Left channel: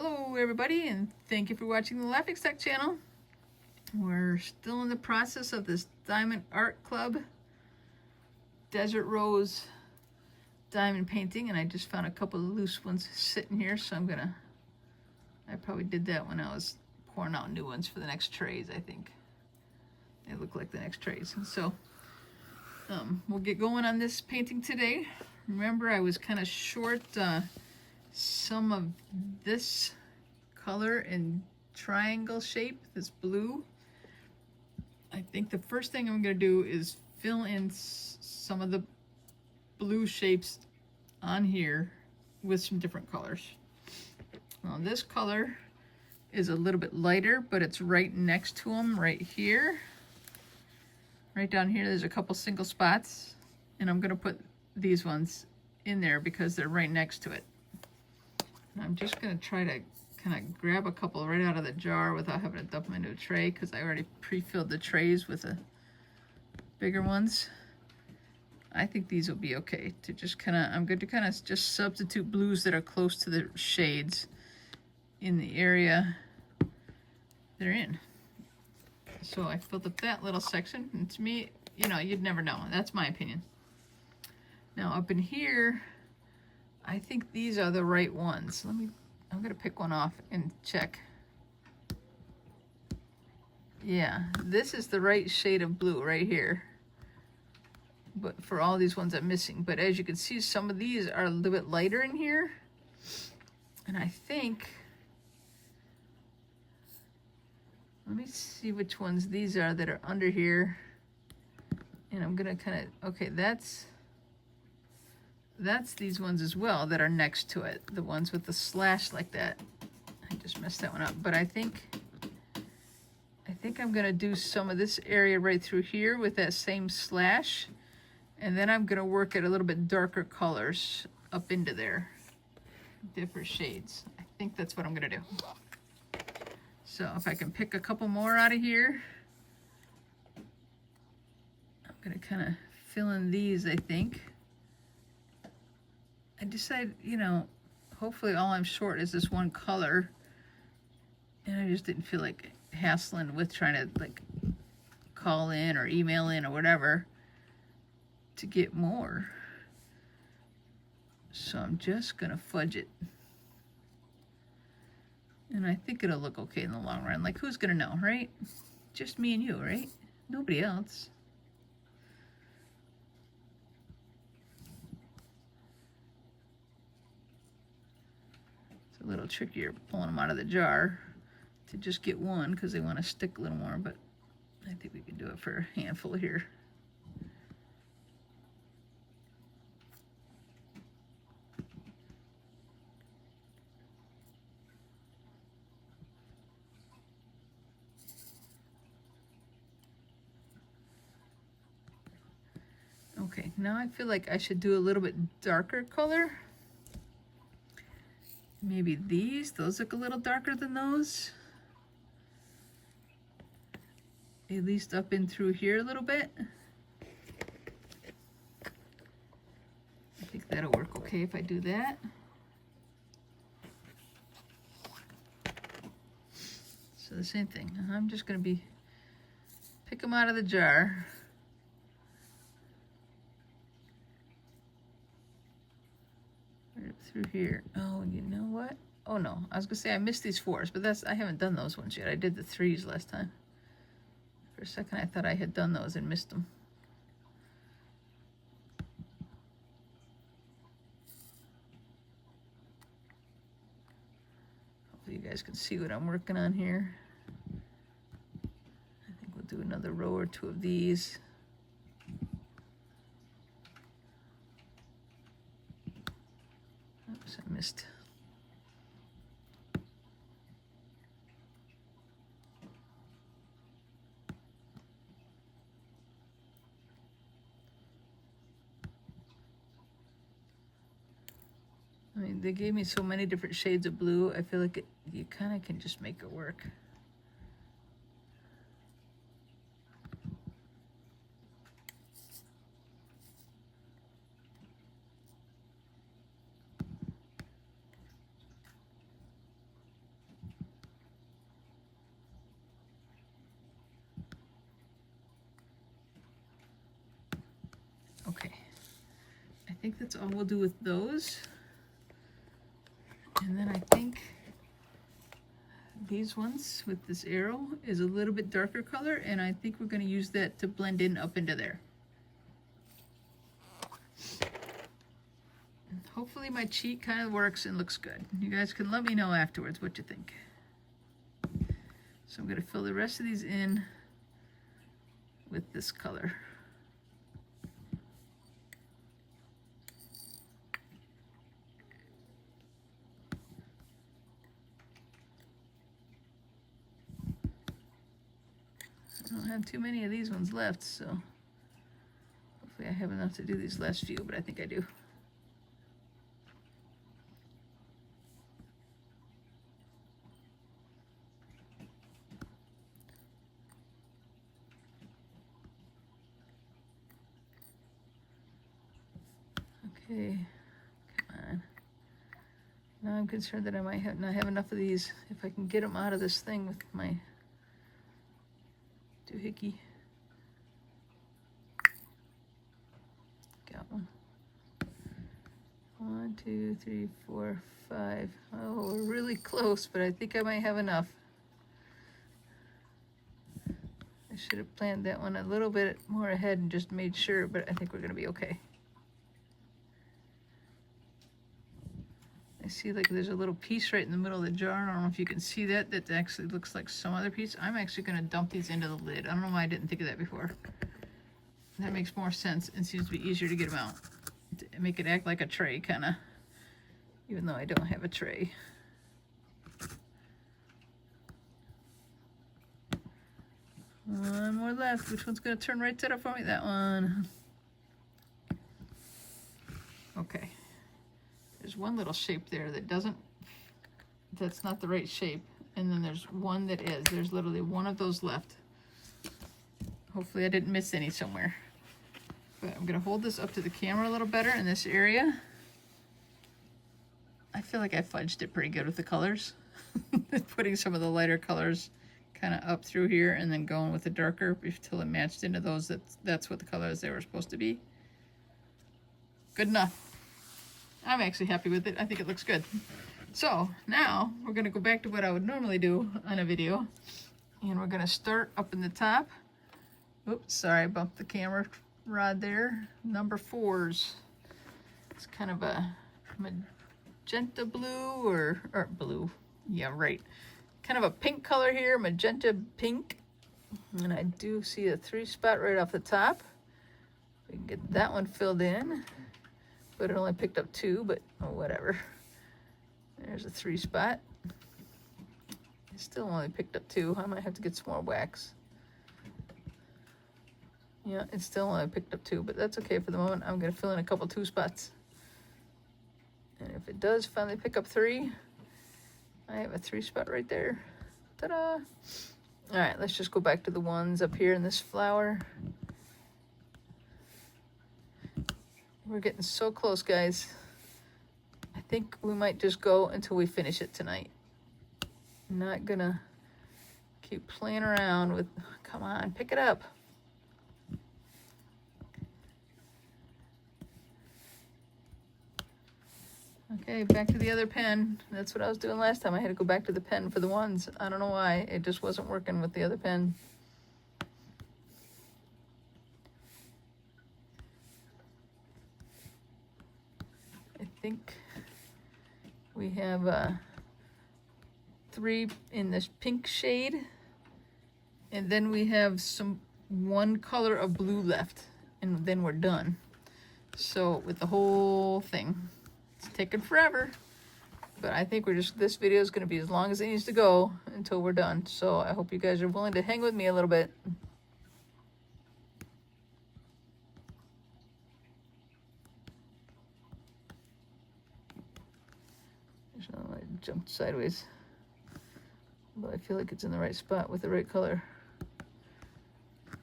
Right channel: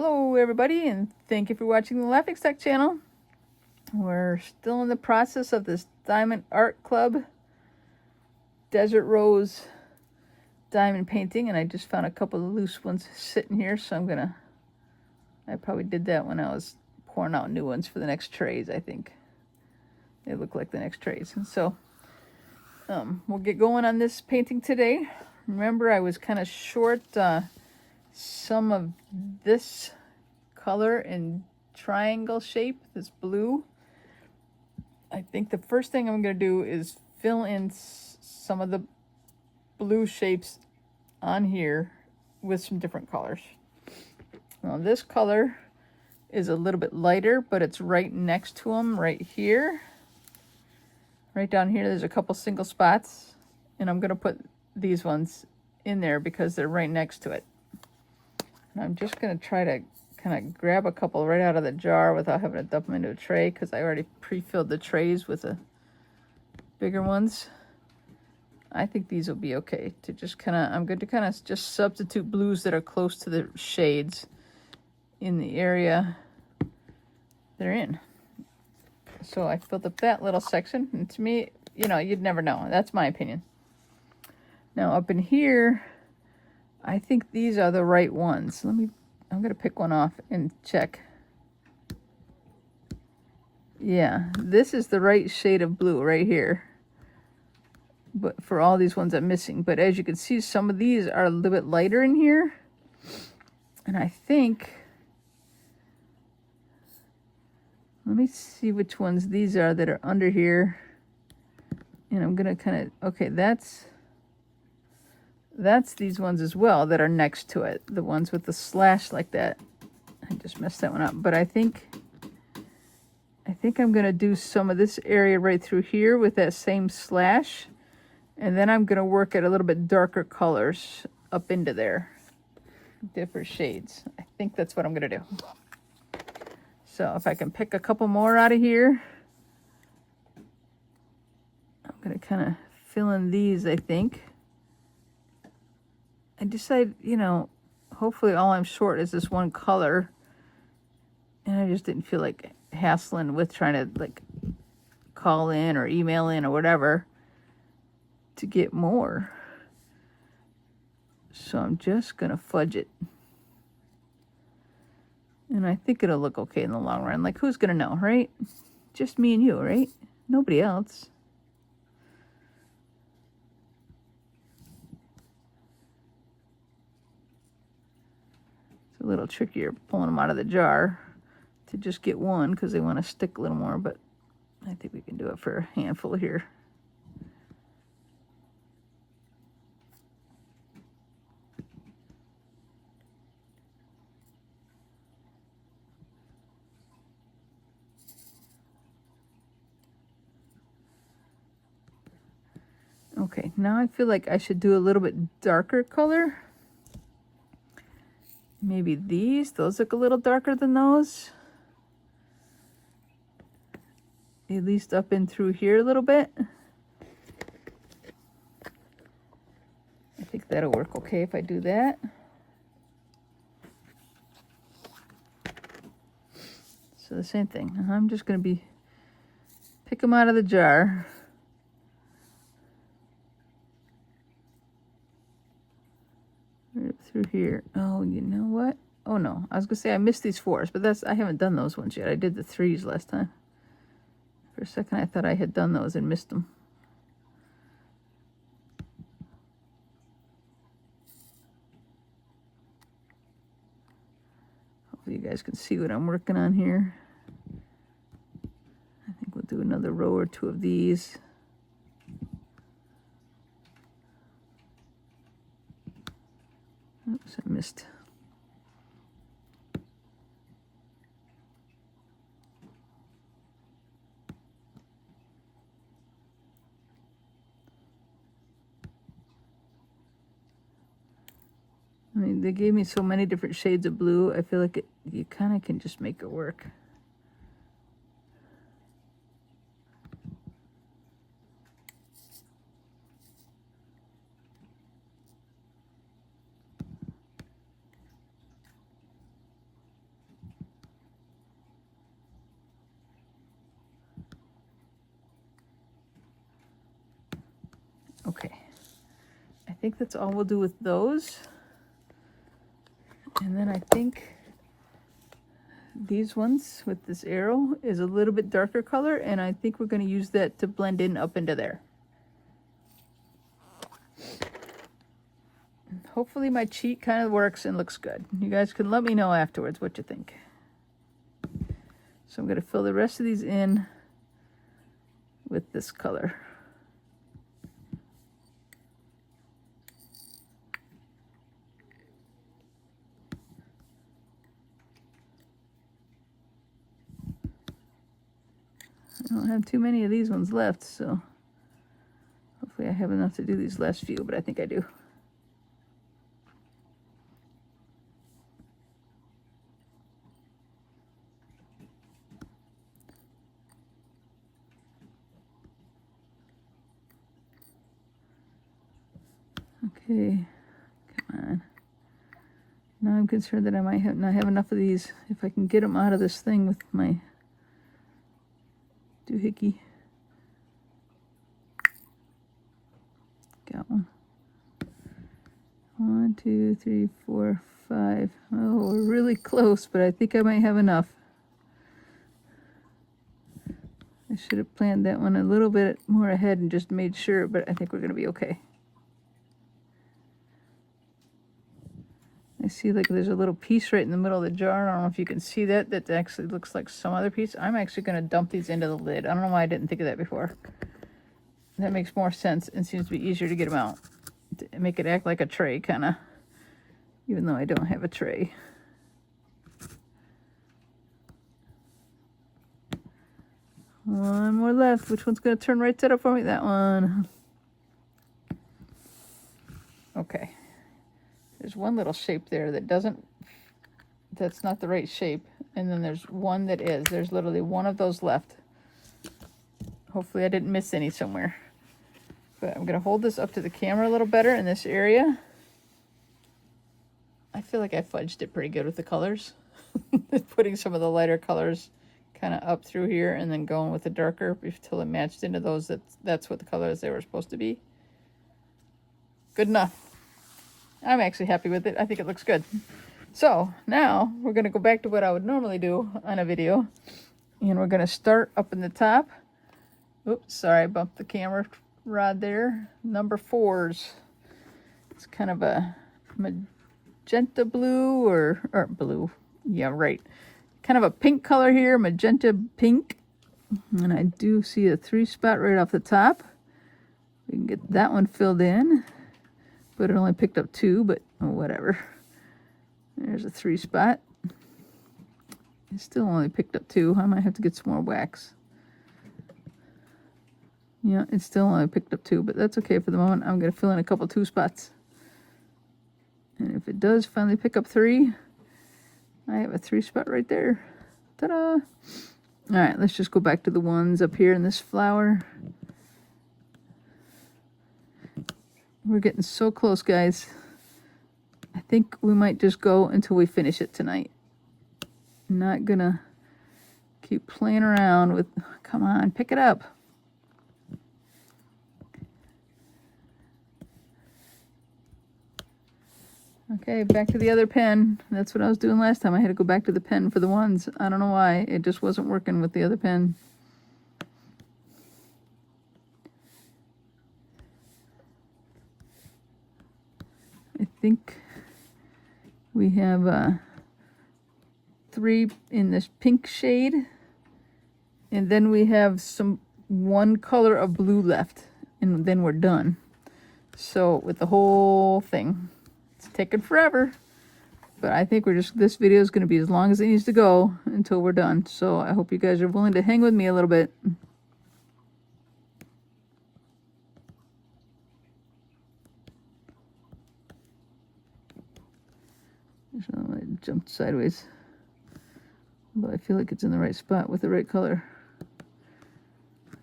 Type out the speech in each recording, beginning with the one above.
Hello everybody, and thank you for watching the Laughing Stock channel. We're still in the process of this Diamond Art Club Desert Rose diamond painting, and I just found a couple of loose ones sitting here, so I probably did that when I was pouring out new ones for the next trays. I think they look like the next trays. And so we'll get going on this painting today. Remember, I was kind of short some of this color in triangle shape, this blue. I think the first thing I'm going to do is fill in some of the blue shapes on here with some different colors. Now this color is a little bit lighter, but it's right next to them right here. Right down here there's a couple single spots, and I'm going to put these ones in there because they're right next to it. I'm just going to try to kind of grab a couple right out of the jar without having to dump them into a tray, because I already pre-filled the trays with the bigger ones. I think these will be okay to just I'm going to kind of just substitute blues that are close to the shades in the area they're in. So I filled up that little section, and to me, you'd never know. That's my opinion. Now up in here, I think these are the right ones. I'm going to pick one off and check. Yeah, this is the right shade of blue right here. But for all these ones I'm missing. But as you can see, some of these are a little bit lighter in here. And I think, let me see which ones these are that are under here. And I'm going to okay, that's these ones as well that are next to it, the ones with the slash like that. I just messed that one up, but I think I'm going to do some of this area right through here with that same slash, and then I'm going to work at a little bit darker colors up into there, different shades. I think that's what I'm going to do. So if I can pick a couple more out of here, I'm going to kind of fill in these, I think. I decided, hopefully all I'm short is this one color, and I just didn't feel like hassling with trying to call in or email in or whatever to get more. So I'm just gonna fudge it, and I think it'll look okay in the long run. Like, who's gonna know, right? Just me and you, right? Nobody else. A little trickier pulling them out of the jar to just get one, because they want to stick a little more, but I think we can do it for a handful here. Okay, now I feel like I should do a little bit darker color. Maybe those look a little darker than those. At least up in through here a little bit. I think that'll work okay if I do that. So the same thing. I'm just going to pick them out of the jar. Right through here. Oh, you know what? Oh no, I was gonna say I missed these 4s, but I haven't done those ones yet. I did the 3s last time. For a second I thought I had done those and missed them. Hopefully you guys can see what I'm working on here. I think we'll do another row or 2 of these. Oops, I missed. I mean, they gave me so many different shades of blue. I feel like you kind of can just make it work. think that's all we'll do with those. And then I think these ones with this arrow is a little bit darker color, and I think we're going to use that to blend in up into there. Hopefully my cheat kind of works and looks good. You guys can let me know afterwards what you think. So I'm going to fill the rest of these in with this color. I don't have too many of these ones left, so hopefully I have enough to do these last few, but I think I do. Okay, come on. Now I'm concerned that I might not have enough of these. If I can get them out of this thing with my doohickey. Got one. 1, 2, 3, 4, 5. Oh, we're really close, but I think I might have enough. I should have planned that one a little bit more ahead and just made sure, but I think we're going to be okay. I see like there's a little piece right in the middle of the jar. I don't know if you can see that. That actually looks like some other piece. I'm actually going to dump these into the lid. I don't know why I didn't think of that before. That makes more sense and seems to be easier to get them out. To make it act like a tray, kind of. Even though I don't have a tray. One more left. Which one's going to turn right side up for me? That one. Okay. There's one little shape there that that's not the right shape. And then there's one that is. There's literally one of those left. Hopefully I didn't miss any somewhere. But I'm going to hold this up to the camera a little better in this area. I feel like I fudged it pretty good with the colors. Putting some of the lighter colors kind of up through here and then going with the darker until it matched into those. That's what the colors they were supposed to be. Good enough. I'm actually happy with it. I think it looks good. So now we're going to go back to what I would normally do on a video. And we're going to start up in the top. Oops, sorry, I bumped the camera rod there. Number 4s. It's kind of a magenta blue or blue. Yeah, right. Kind of a pink color here, magenta pink. And I do see a 3 spot right off the top. We can get that one filled in. But it only picked up 2, but whatever. There's a 3 spot. I still only picked up 2. I might have to get some more wax. Yeah, it still only picked up 2, but that's okay for the moment. I'm going to fill in a couple 2 spots. And if it does finally pick up 3, I have a 3 spot right there. Ta-da! All right, let's just go back to the ones up here in this flower. We're getting so close, guys. I think we might just go until we finish it tonight. I'm not gonna keep playing around with, come on, pick it up. Okay, back to the other pen. That's what I was doing last time. I had to go back to the pen for the ones. I don't know why. It just wasn't working with the other pen. I think we have 3 in this pink shade, and then we have one color of blue left, and then we're done. So with the whole thing, it's taking forever, but I think this video is going to be as long as it needs to go until we're done. So I hope you guys are willing to hang with me a little bit. It jumped sideways, but I feel like it's in the right spot with the right color.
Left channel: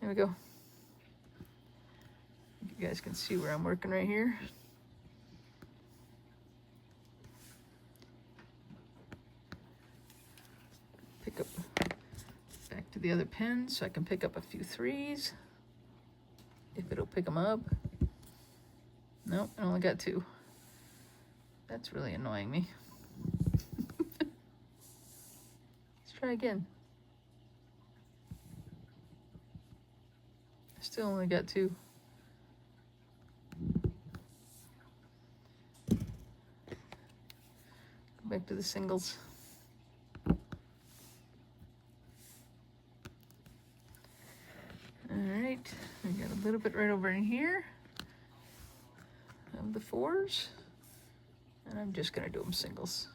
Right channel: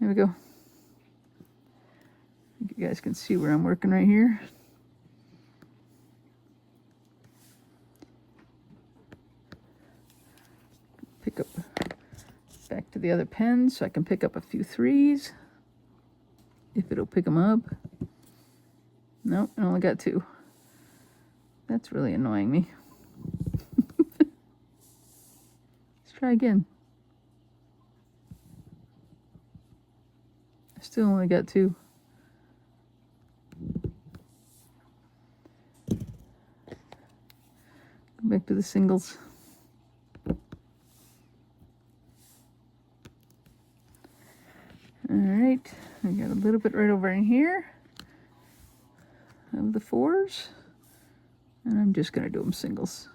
There we go. You guys can see where I'm working right here. Pick up back to the other pen so I can pick up a few 3s if it'll pick them up. Nope, I only got 2. That's really annoying me. Let's try again. I still only got 2. Go back to the singles. Alright, we got a little bit right over in here of the 4s. And I'm just going to do them singles.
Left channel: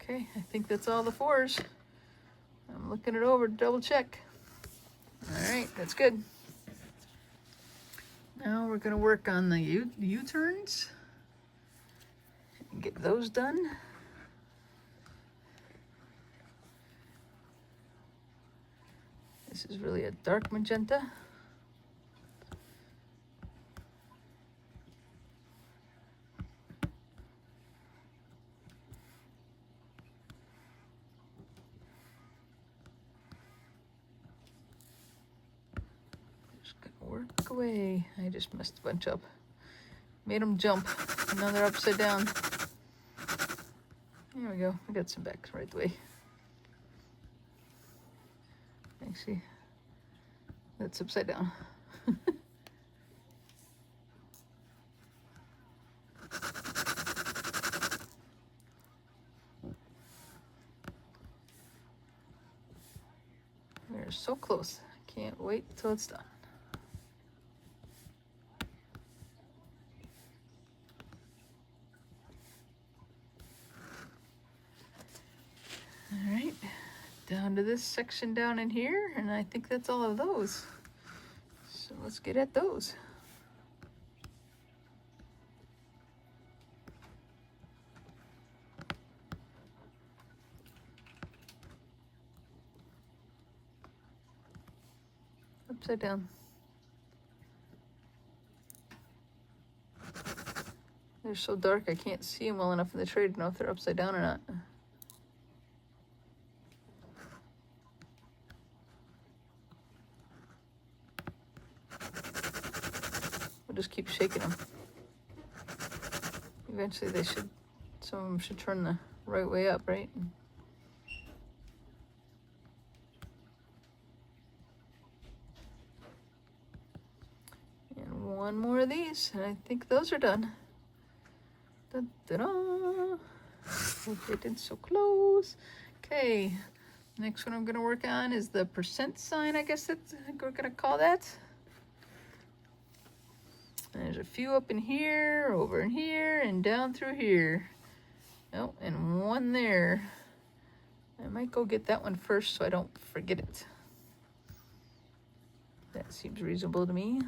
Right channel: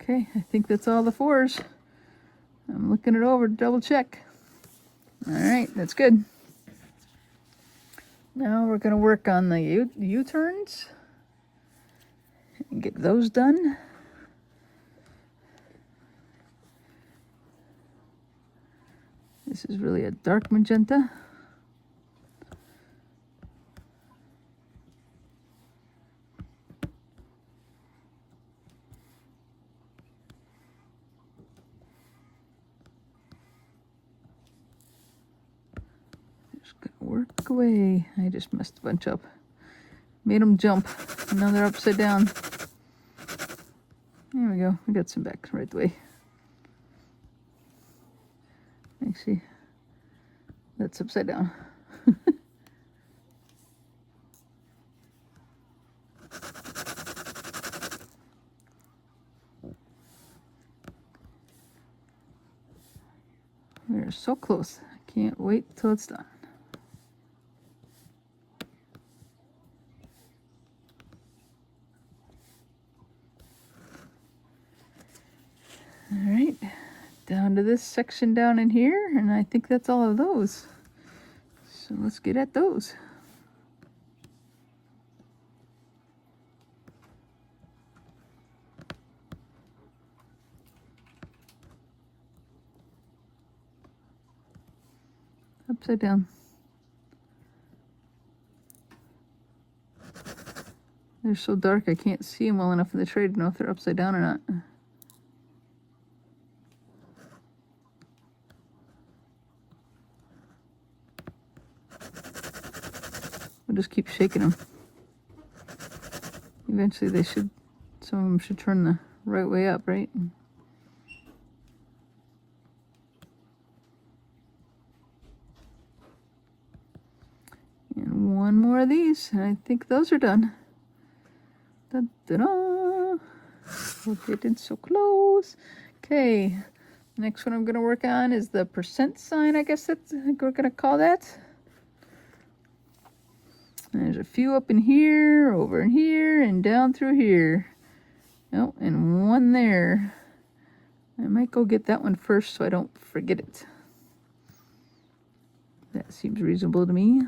Okay, I think that's all the 4s. I'm looking it over to double check. Alright, that's good. Now we're going to work on the U-turns and get those done. This is really a dark magenta. Work away. I just messed a bunch up. Made them jump. Now they're upside down. There we go. We got some back right away. Actually, that's upside down. We're so close. I can't wait till it's done. Alright, down to this section down in here, and I think that's all of those. So let's get at those. Upside down. They're so dark I can't see them well enough in the tray to know if they're upside down or not. I'll just keep shaking them. Eventually they should, some of them should turn the right way up, right? And one more of these, and I think those are done. Da-da-da! We're getting so close. Okay, next one I'm going to work on is the percent sign, I guess that's we're going to call that. And there's a few up in here, over in here, and down through here. Oh, and one there. I might go get that one first so I don't forget it. That seems reasonable to me.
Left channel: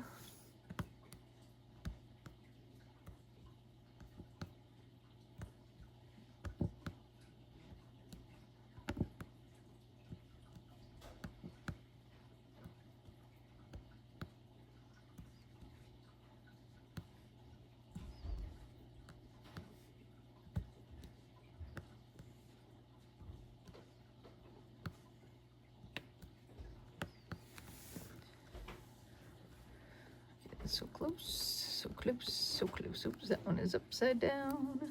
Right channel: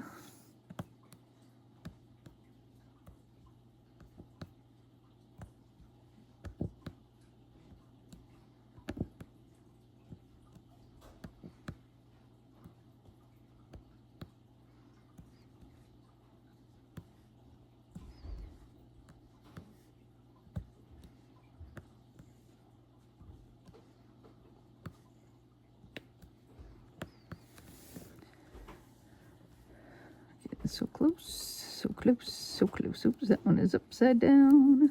So close, so close, so close. Oops, that one is upside down.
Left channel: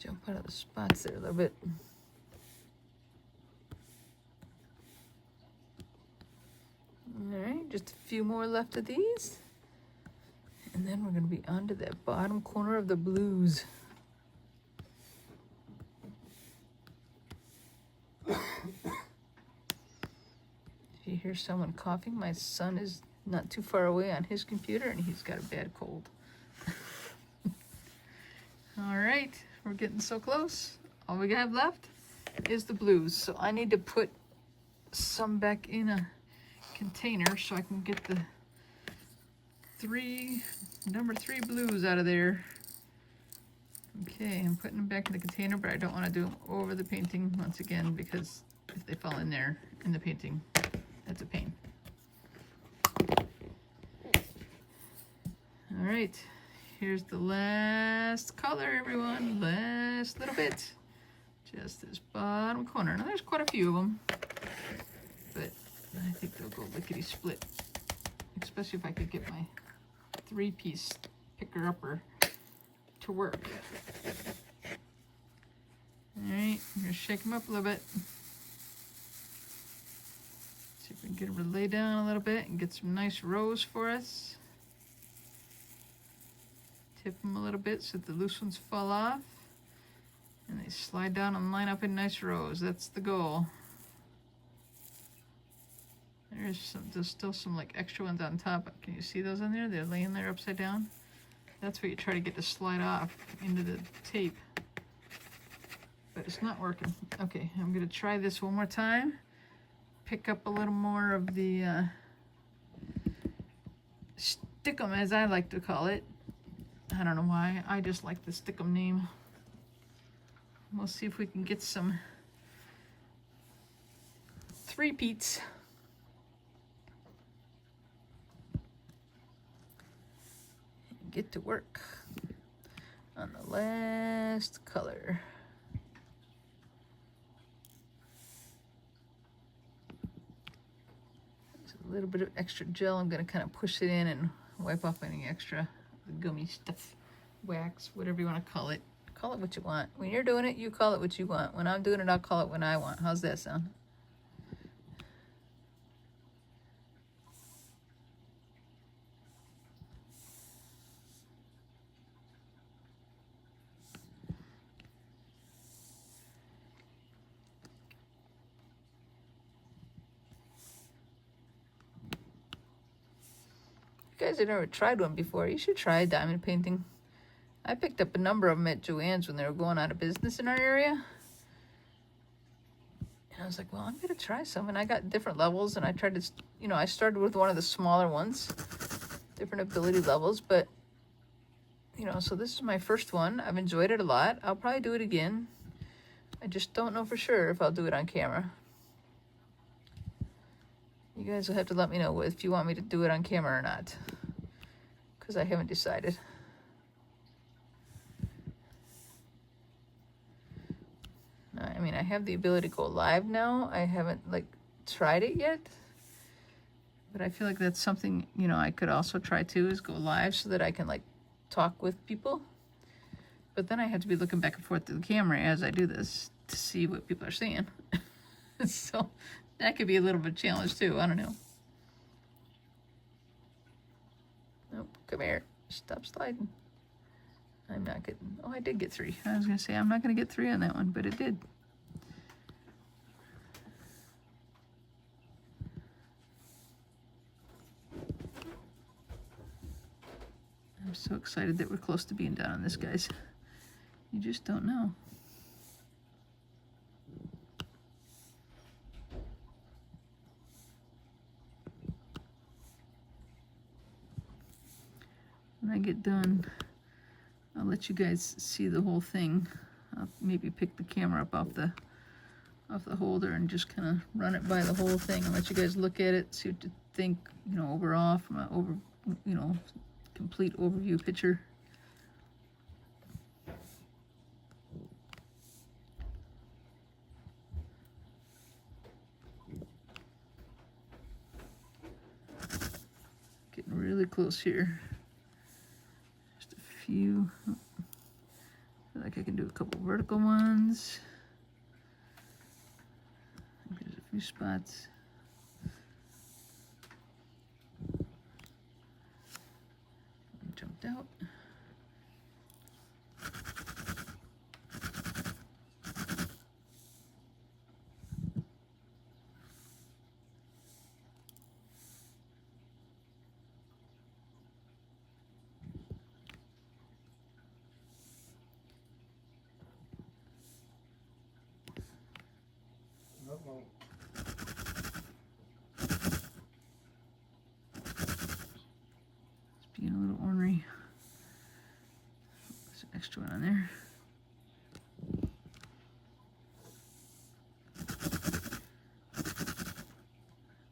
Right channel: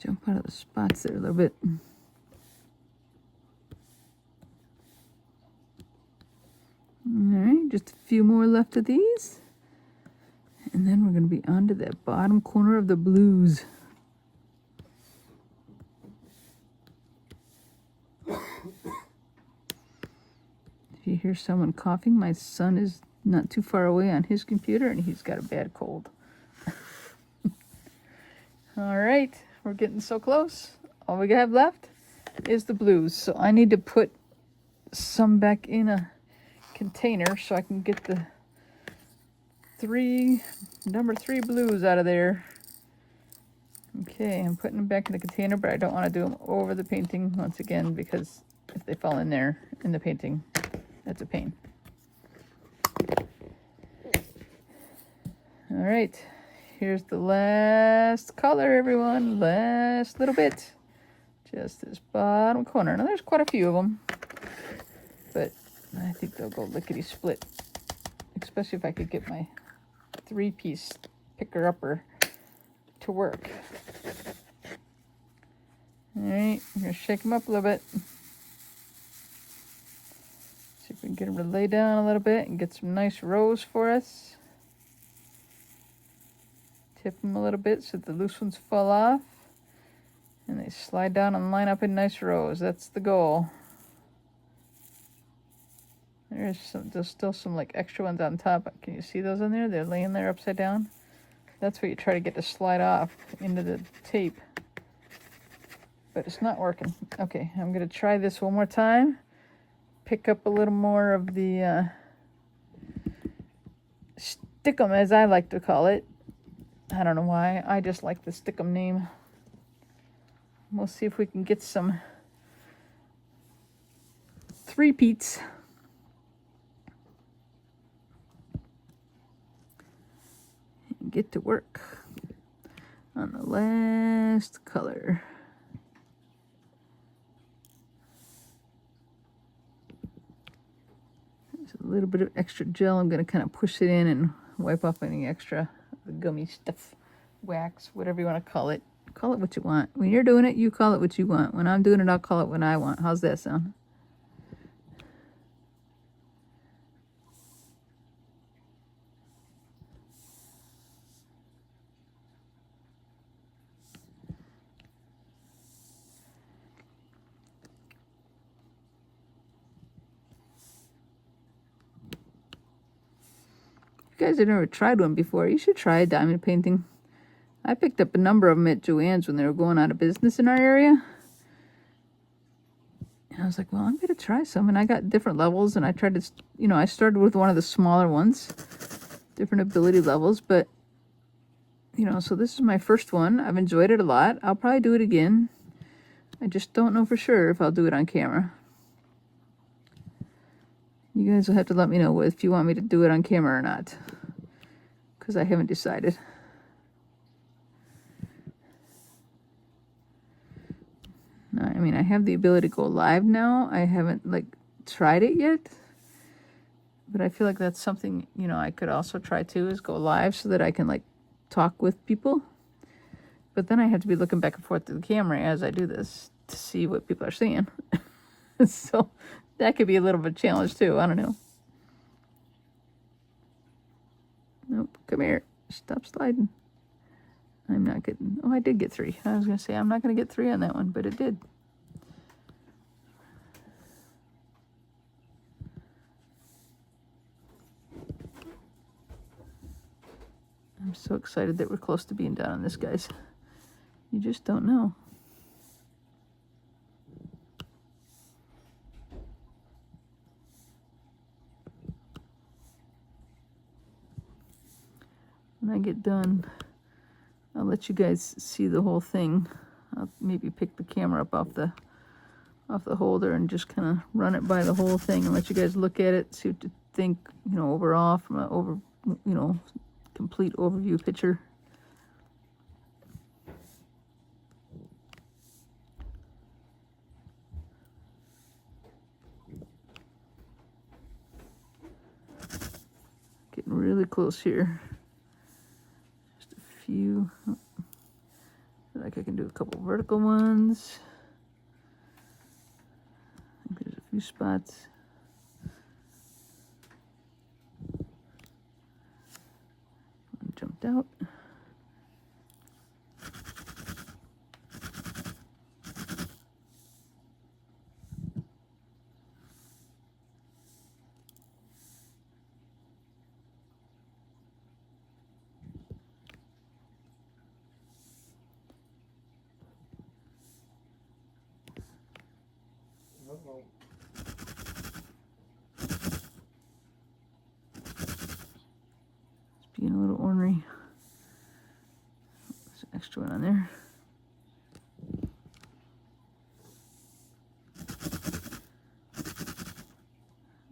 Jump out of the spots there a little bit. Alright, just a few more left of these. And then we're going to be onto that bottom corner of the blues. you hear someone coughing, my son is not too far away on his computer and he's got a bad cold. All right, we're getting so close. All we have left is the blues. So I need to put some back in a container so I can get the number 3 blues out of there. Okay, I'm putting them back in the container, but I don't want to do them over the painting once again because if they fall in there in the painting, that's a pain. All right, here's the last color, everyone. Last little bit. Just this bottom corner. Now there's quite a few of them, but I think they'll go lickety-split, especially if I could get my 3-piece picker-upper to work. All right, I'm gonna shake them up a little bit. See if we can get them to lay down a little bit and get some nice rows for us. Tip them a little bit so the loose ones fall off. And they slide down and line up in nice rows. That's the goal. There's still some like extra ones on top. Can you see those on there? They're laying there upside down. That's what you try to get to slide off into the tape. But it's not working. Okay, I'm going to try this one more time. Pick up a little more of the stickum, as I like to call it. I don't know why. I just like the stickum name. We'll see if we can get some 3-peats. Get to work on the last color. There's a little bit of extra gel. I'm going to kind of push it in and wipe off any extra the gummy stuff, wax, whatever you want to call it. Call it what you want. When you're doing it, you call it what you want. When I'm doing it, I'll call it what I want. How's that sound? If you guys have never tried one before, you should try a diamond painting. I picked up a number of them at Joann's when they were going out of business in our area. And I was like, well, I'm going to try some. And I got different levels, and I tried to, I started with one of the smaller ones, different ability levels. But, so this is my first one. I've enjoyed it a lot. I'll probably do it again. I just don't know for sure if I'll do it on camera. You guys will have to let me know if you want me to do it on camera or not, because I haven't decided. I mean, I have the ability to go live now. I haven't, tried it yet. But I feel like that's something, I could also try too, is go live so that I can, talk with people. But then I have to be looking back and forth to the camera as I do this to see what people are seeing. So that could be a little bit of a challenge too. I don't know. Nope, come here. Stop sliding. I'm not getting... Oh, I did get 3. I was going to say, I'm not going to get 3 on that one, but it did. I'm so excited that we're close to being done on this, guys. You just don't know. When I get done, I'll let you guys see the whole thing. I'll maybe pick the camera up off the holder and just kind of run it by the whole thing and let you guys look at it, see what you think, overall from a complete overview picture. Getting really close here. Just a few. I feel like I can do a couple vertical ones. There's a few spots. Jumped out. extra one on there.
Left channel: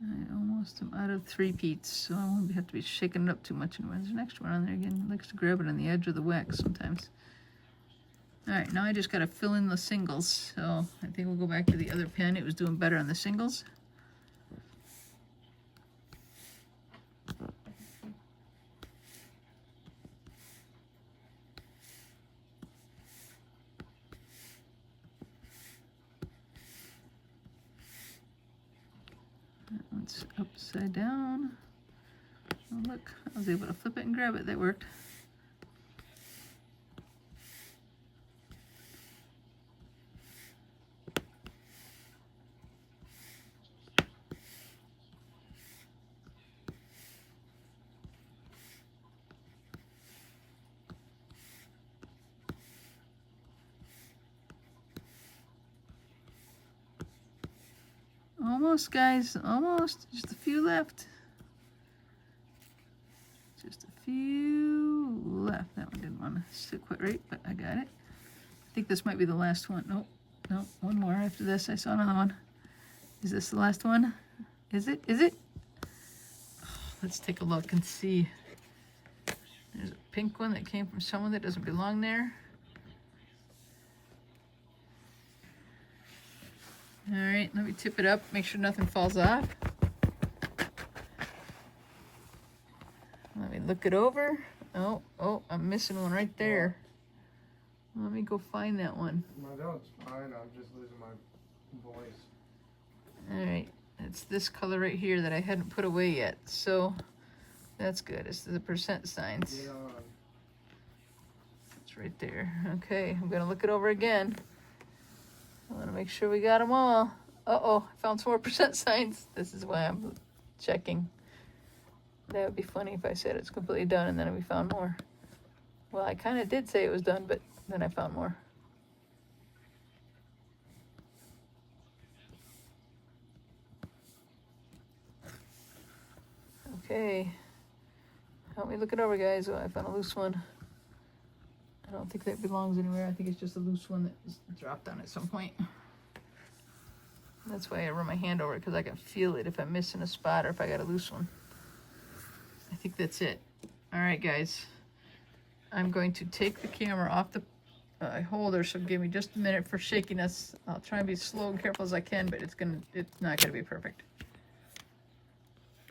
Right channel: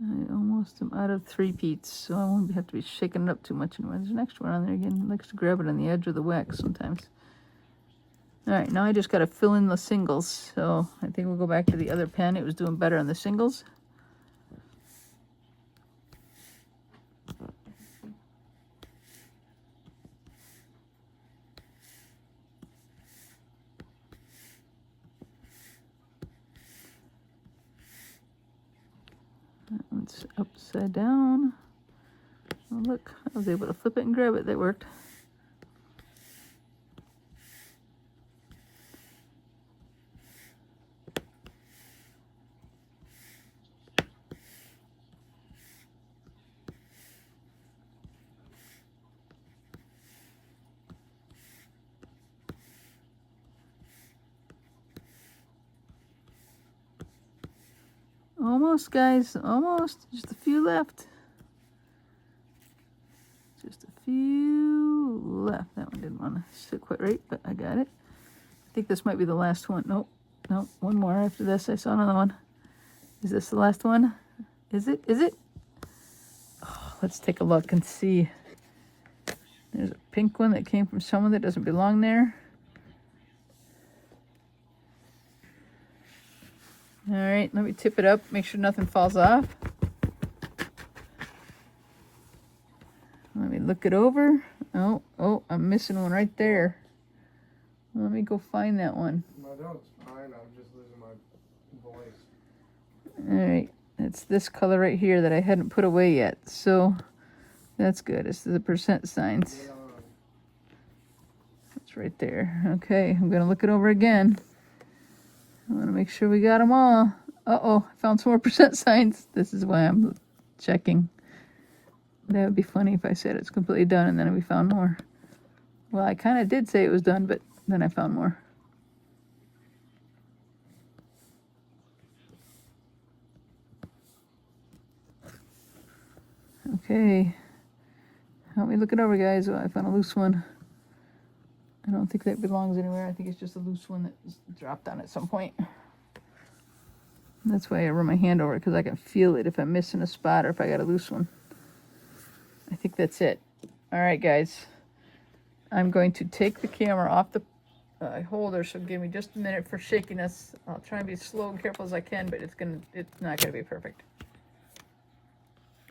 I almost am out of 3-peats, so I won't have to be shaking it up too much anymore. There's an extra one on there again. It likes to grab it on the edge of the wax sometimes. All right, now I just got to fill in the singles. So I think we'll go back to the other pen. It was doing better on the singles. That one's upside down. Oh, look, I was able to flip it and grab it. That worked. Almost, guys, almost. Just a few left. Just a few left. That one didn't want to sit quite right, but I got it. I think this might be the last one. Nope, nope, one more after this. I saw another one. Is this the last one? Is it? Is it? Oh, let's take a look and see. There's a pink one that came from someone that doesn't belong there. All right, let me tip it up, make sure nothing falls off. Let me look it over. Oh, I'm missing one right there. Let me go find that one. No, that's fine. I'm just losing my voice. All right, it's this color right here that I hadn't put away yet. So that's good. It's the percent signs. It's right there. Okay, I'm gonna look it over again. I want to make sure we got them all. Uh-oh, I found some more percent signs. This is why I'm checking. That would be funny if I said it's completely done and then we found more. Well, I kind of did say it was done, but then I found more. Okay. Help me look it over, guys. Oh, I found a loose one. I don't think that belongs anywhere. I think it's just a loose one that dropped on at some point. That's why I run my hand over it, because I can feel it if I'm missing a spot or if I got a loose one. I think that's it. All right, guys. I'm going to take the camera off the holder, so give me just a minute for shakiness. I'll try and be slow and careful as I can, but it's not gonna be perfect.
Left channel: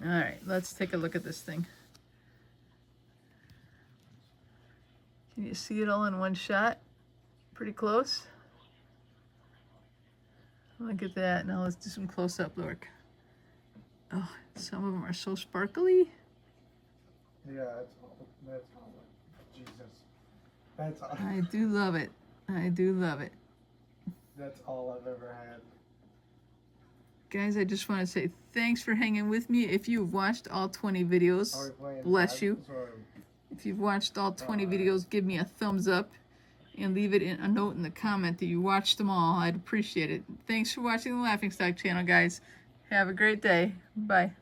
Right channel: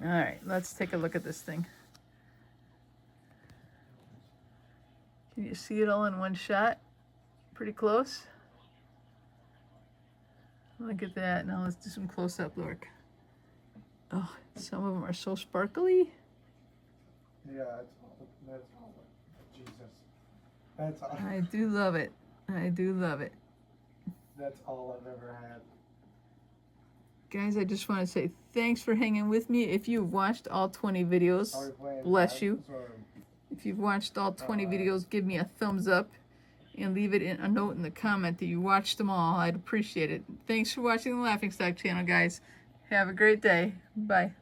All right, let's take a look at this thing. Can you see it all in one shot? Pretty close. Look at that. Now let's do some close-up look. Oh, some of them are so sparkly. Yeah, that's all. Jesus. That's all. I do love it. I do love it. That's all I've ever had. Guys, I just want to say thanks for hanging with me. If you've watched all 20 videos, bless you. If you've watched all 20 videos, give me a thumbs up and leave it in a note in the comment that you watched them all. I'd appreciate it. Thanks for watching the Laughing Stock channel, guys. Have a great day. Bye.